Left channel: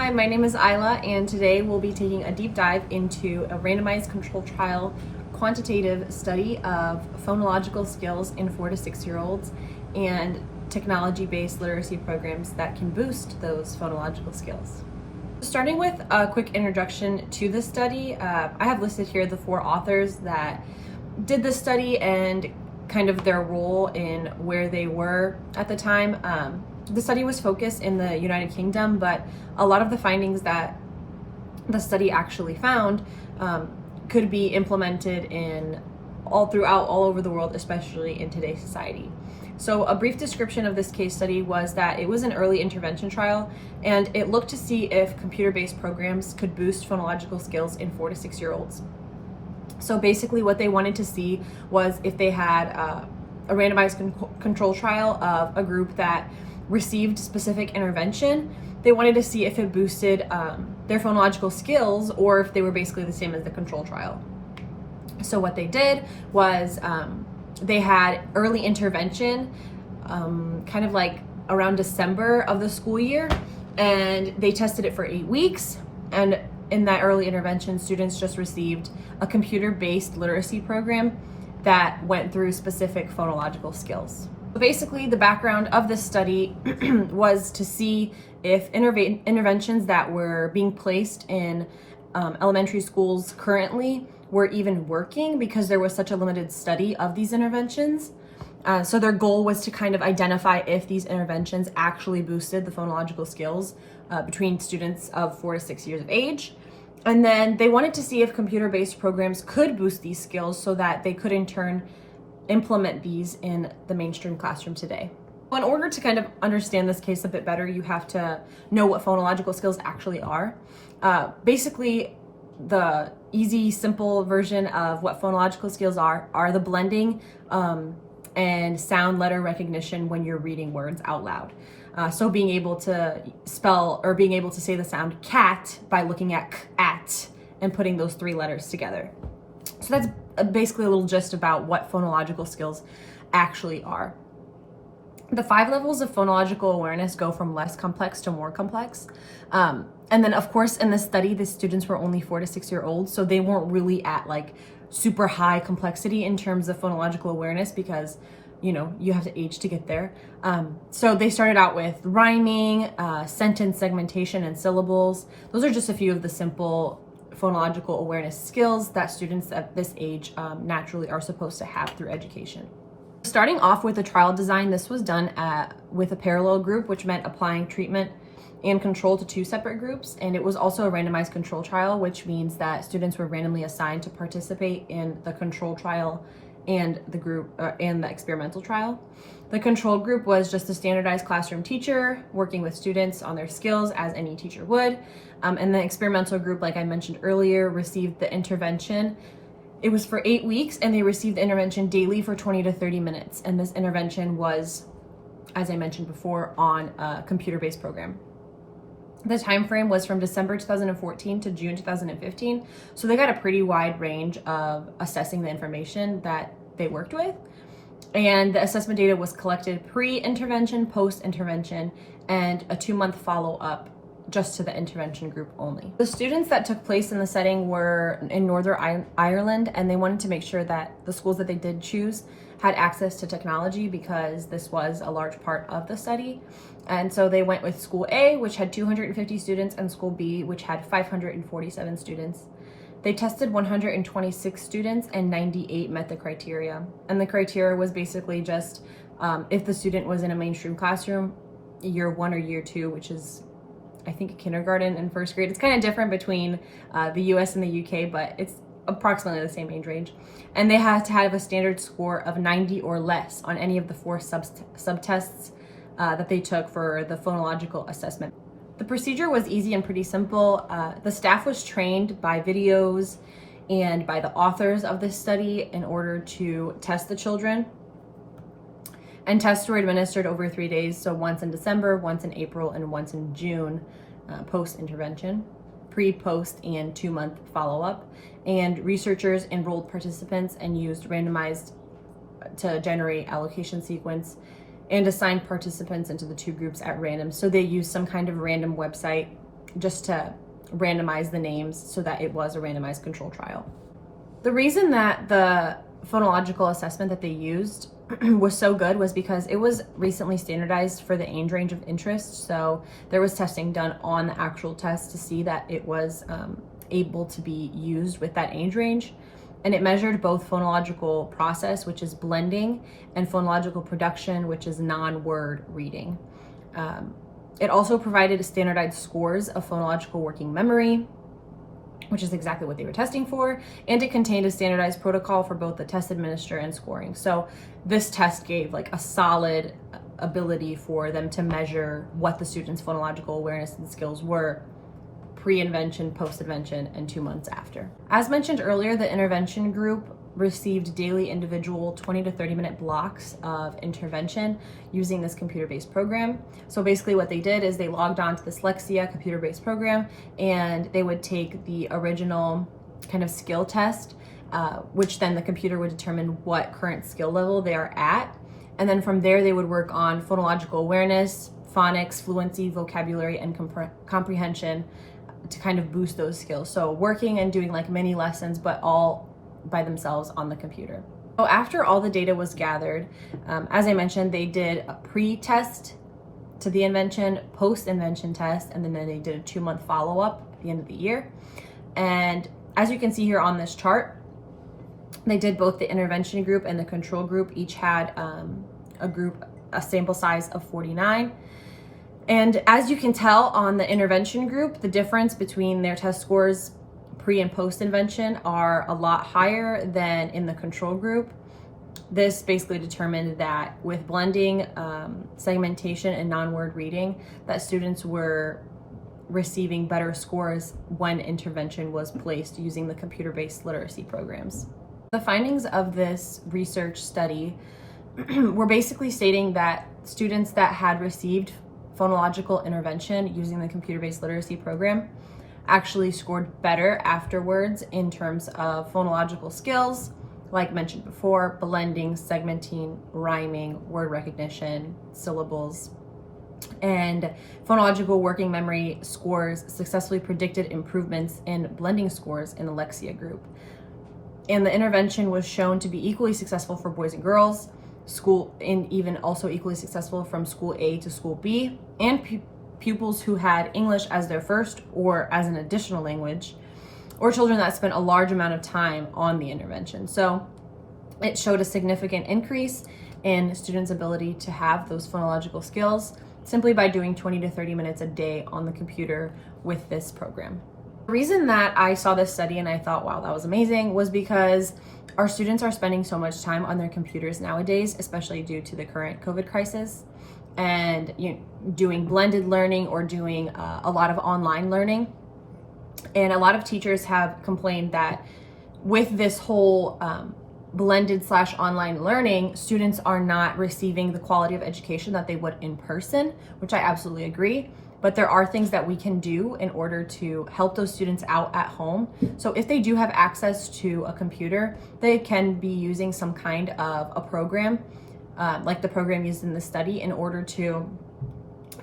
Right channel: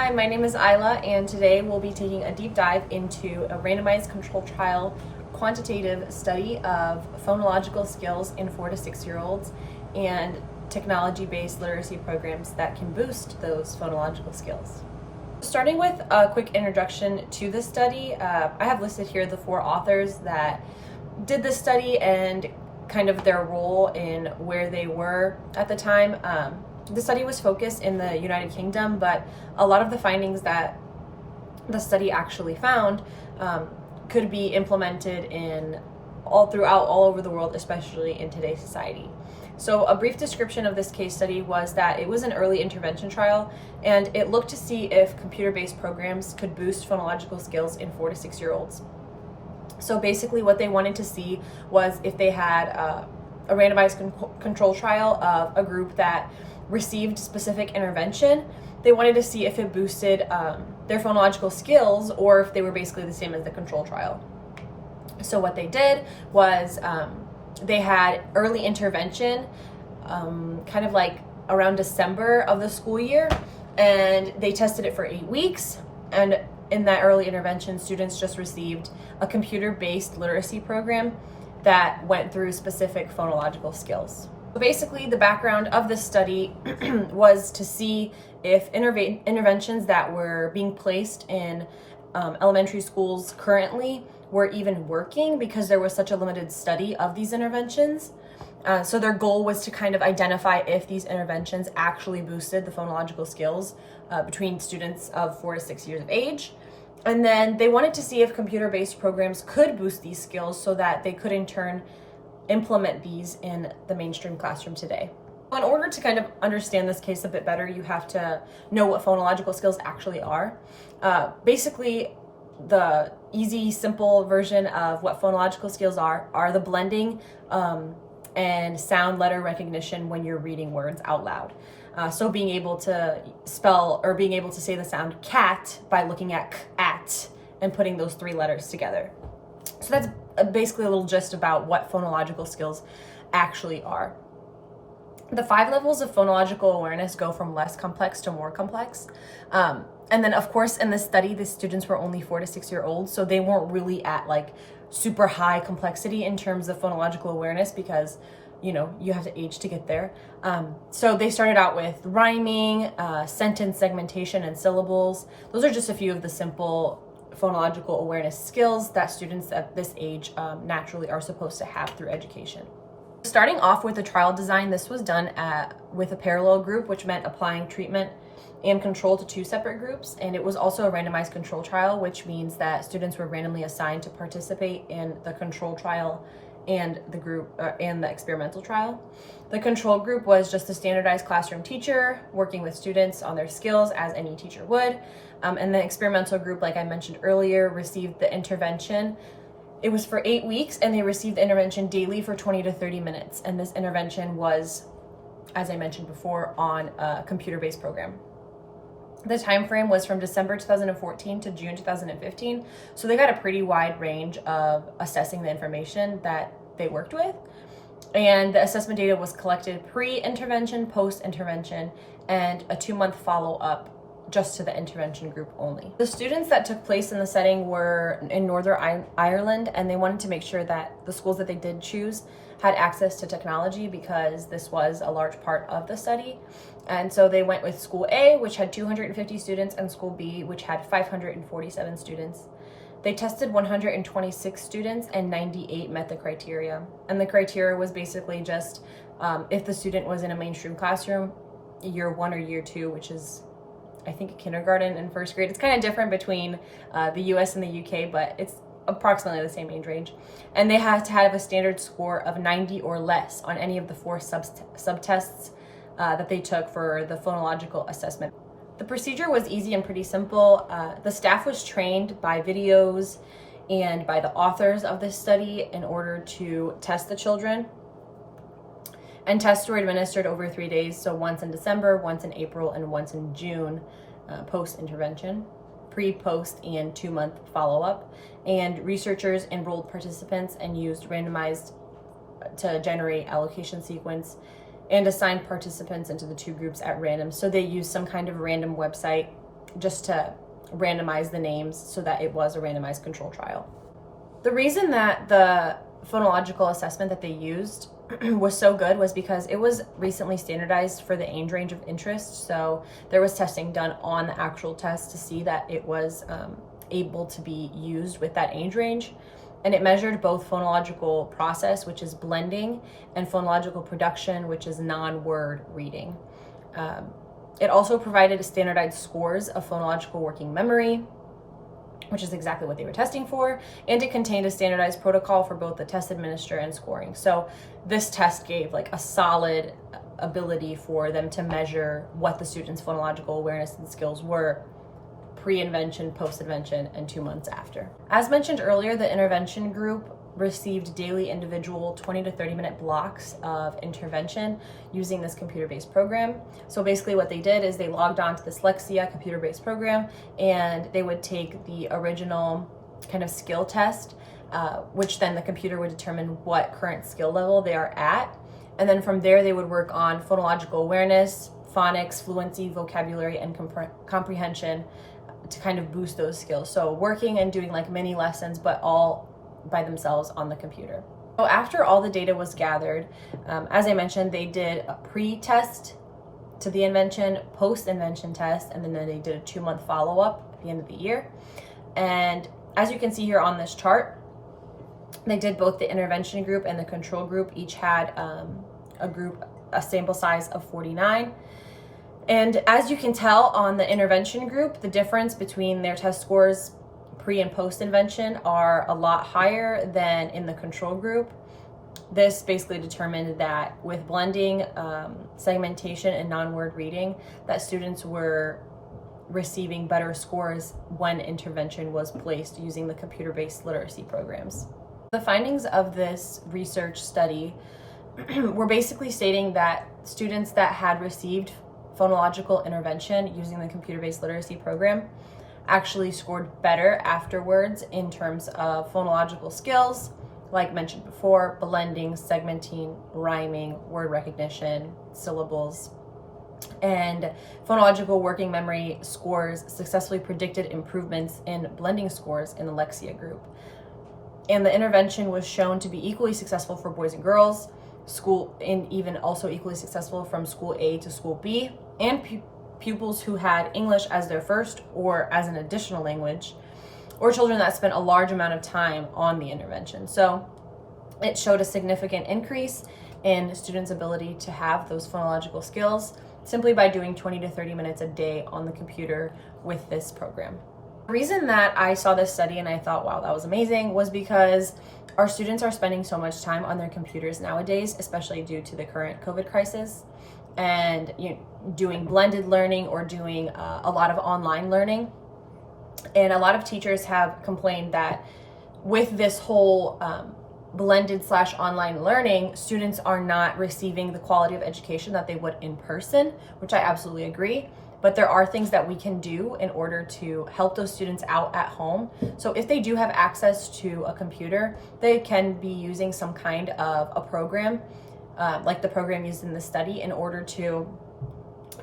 Hi, my name is Isla, and today we'll be taking a deep dive into a randomized controlled trial quantitative study of phonological skills in 4 to 6-year-olds and technology-based literacy programs that can boost those phonological skills. Starting with a quick introduction to this study, I have listed here the 4 authors that did this study and kind of their role in where they were at the time. The study was focused in the United Kingdom, but a lot of the findings that the study actually found could be implemented in all over the world, especially in today's society. So a brief description of this case study was that it was an early intervention trial, and it looked to see if computer-based programs could boost phonological skills in 4 to 6-year-olds. So basically what they wanted to see was if they had a randomized control trial of a group that received specific intervention. They wanted to see if it boosted their phonological skills or if they were basically the same as the control trial. So what they did was they had early intervention kind of like around December of the school year, and they tested it for 8 weeks. And in that early intervention, students just received a computer-based literacy program that went through specific phonological skills. Basically, the background of this study was to see if interventions that were being placed in elementary schools currently were even working, because there was such a limited study of these interventions. So their goal was to kind of identify if these interventions actually boosted the phonological skills between students of 4 to 6 years of age. And then they wanted to see if computer-based programs could boost these skills so that they could in turn implement these in the mainstream classroom today. In order to kind of understand this case a bit better, you have to know what phonological skills actually are. Basically, the easy, simple version of what phonological skills are the blending and sound letter recognition when you're reading words out loud. So being able to spell or being able to say the sound cat by looking at at and putting those 3 letters together. So that's basically a little gist about what phonological skills actually are. The 5 levels of phonological awareness go from less complex to more complex. And then of course in this study, the students were only 4 to 6-year-olds, so they weren't really at like super high complexity in terms of phonological awareness, because you have to age to get there. So they started out with rhyming, sentence segmentation, and syllables. Those are just a few of the simple phonological awareness skills that students at this age naturally are supposed to have through education. Starting off with the trial design, this was done with a parallel group, which meant applying treatment and control to 2 separate groups. And it was also a randomized control trial, which means that students were randomly assigned to participate in the control trial and the group and the experimental trial. The control group was just a standardized classroom teacher working with students on their skills as any teacher would. And the experimental group, like I mentioned earlier, received the intervention. It was for 8 weeks, and they received the intervention daily for 20 to 30 minutes. And this intervention was, as I mentioned before, on a computer-based program. The time frame was from December 2014 to June 2015. So they got a pretty wide range of assessing the information that they worked with. And the assessment data was collected pre-intervention, post-intervention, and a 2-month follow-up just to the intervention group only. The students that took place in the setting were in Northern Ireland, and they wanted to make sure that the schools that they did choose had access to technology, because this was a large part of the study. And so they went with School A, which had 250 students, and School B, which had 547 students. They tested 126 students, and 98 met the criteria. And the criteria was basically just if the student was in a mainstream classroom, year 1 or year 2, which is I think kindergarten and 1st grade. It's kind of different between the US and the UK, but it's approximately the same age range. And they had to have a standard score of 90 or less on any of the 4 subtests that they took for the phonological assessment. The procedure was easy and pretty simple. The staff was trained by videos and by the authors of this study in order to test the children. And tests were administered over 3 days, so once in December, once in April, and once in June, post-intervention, pre-post, and 2-month follow-up. And researchers enrolled participants and used randomized to generate allocation sequence and assigned participants into the 2 groups at random. So they used some kind of random website just to randomize the names so that it was a randomized control trial. The reason that the phonological assessment that they used was so good was because it was recently standardized for the age range of interest. So there was testing done on the actual test to see that it was able to be used with that age range. And it measured both phonological process, which is blending, and phonological production, which is non-word reading. It also provided standardized scores of phonological working memory, which is exactly what they were testing for, and it contained a standardized protocol for both the test administrator and scoring. So this test gave like a solid ability for them to measure what the students' phonological awareness and skills were pre-intervention, post-intervention, and 2 months after. As mentioned earlier, the intervention group received daily individual 20 to 30 minute blocks of intervention using this computer-based program. So basically what they did is they logged on to this Lexia computer-based program, and they would take the original kind of skill test, which then the computer would determine what current skill level they are at. And then from there, they would work on phonological awareness, phonics, fluency, vocabulary, and comprehension to kind of boost those skills. So working and doing like mini lessons, but all by themselves on the computer. So after all the data was gathered, as I mentioned, they did a pre-test to the invention, post-invention test, and then they did a 2-month follow-up at the end of the year. And as you can see here on this chart, they did both the intervention group and the control group. Each had a sample size of 49. And as you can tell on the intervention group, the difference between their test scores pre and post intervention are a lot higher than in the control group. This basically determined that with blending, segmentation, and non-word reading, that students were receiving better scores when intervention was placed using the computer-based literacy programs. The findings of this research study were basically stating that students that had received phonological intervention using the computer-based literacy program actually scored better afterwards in terms of phonological skills, like mentioned before, blending, segmenting, rhyming, word recognition, syllables, and phonological working memory scores successfully predicted improvements in blending scores in the Lexia group. And the intervention was shown to be equally successful for boys and girls, and even also equally successful from school A to school B, and pupils who had English as their first or as an additional language, or children that spent a large amount of time on the intervention. So it showed a significant increase in students' ability to have those phonological skills simply by doing 20 to 30 minutes a day on the computer with this program. The reason that I saw this study and I thought, wow, that was amazing, was because our students are spending so much time on their computers nowadays, especially due to the current COVID crisis, and doing blended learning or doing a lot of online learning. And a lot of teachers have complained that with this whole blended/online learning, students are not receiving the quality of education that they would in person, which I absolutely agree. But there are things that we can do in order to help those students out at home. So if they do have access to a computer, they can be using some kind of a program, like the program used in the study, in order to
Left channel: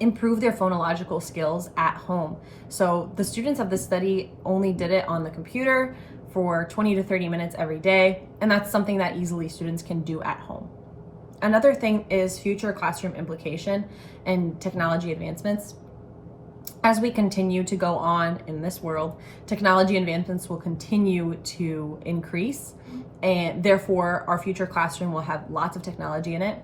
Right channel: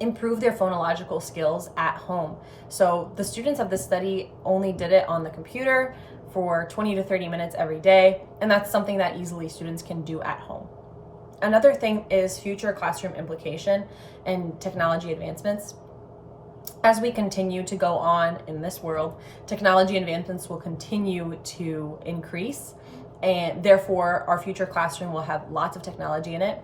improve their phonological skills at home. So the students of the study only did it on the computer for 20 to 30 minutes every day, and that's something that easily students can do at home. Another thing is future classroom implication and technology advancements. As we continue to go on in this world, technology advancements will continue to increase, and therefore our future classroom will have lots of technology in it.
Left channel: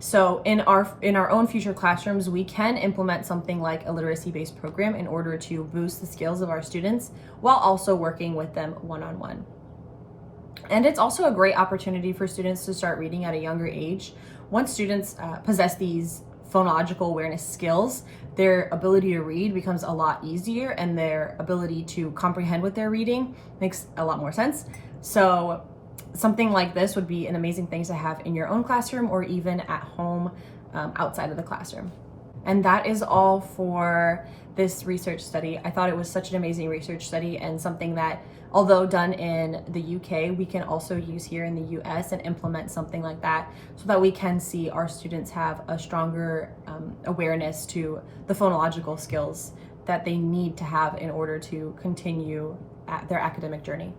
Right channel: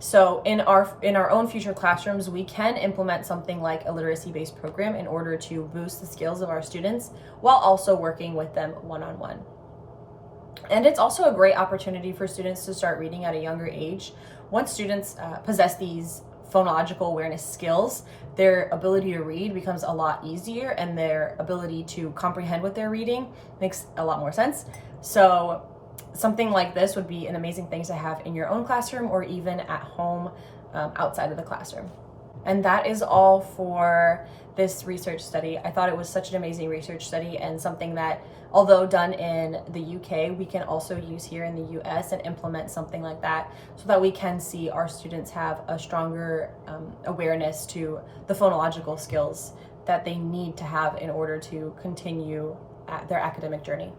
So in our own future classrooms, we can implement something like a literacy-based program in order to boost the skills of our students while also working with them one-on-one. And it's also a great opportunity for students to start reading at a younger age. Once students possess these phonological awareness skills, their ability to read becomes a lot easier, and their ability to comprehend what they're reading makes a lot more sense. So something like this would be an amazing thing to have in your own classroom or even at home outside of the classroom. And that is all for this research study. I thought it was such an amazing research study, and something that, although done in the UK, we can also use here in the US and implement something like that so that we can see our students have a stronger awareness to the phonological skills that they need to have in order to continue their academic journey.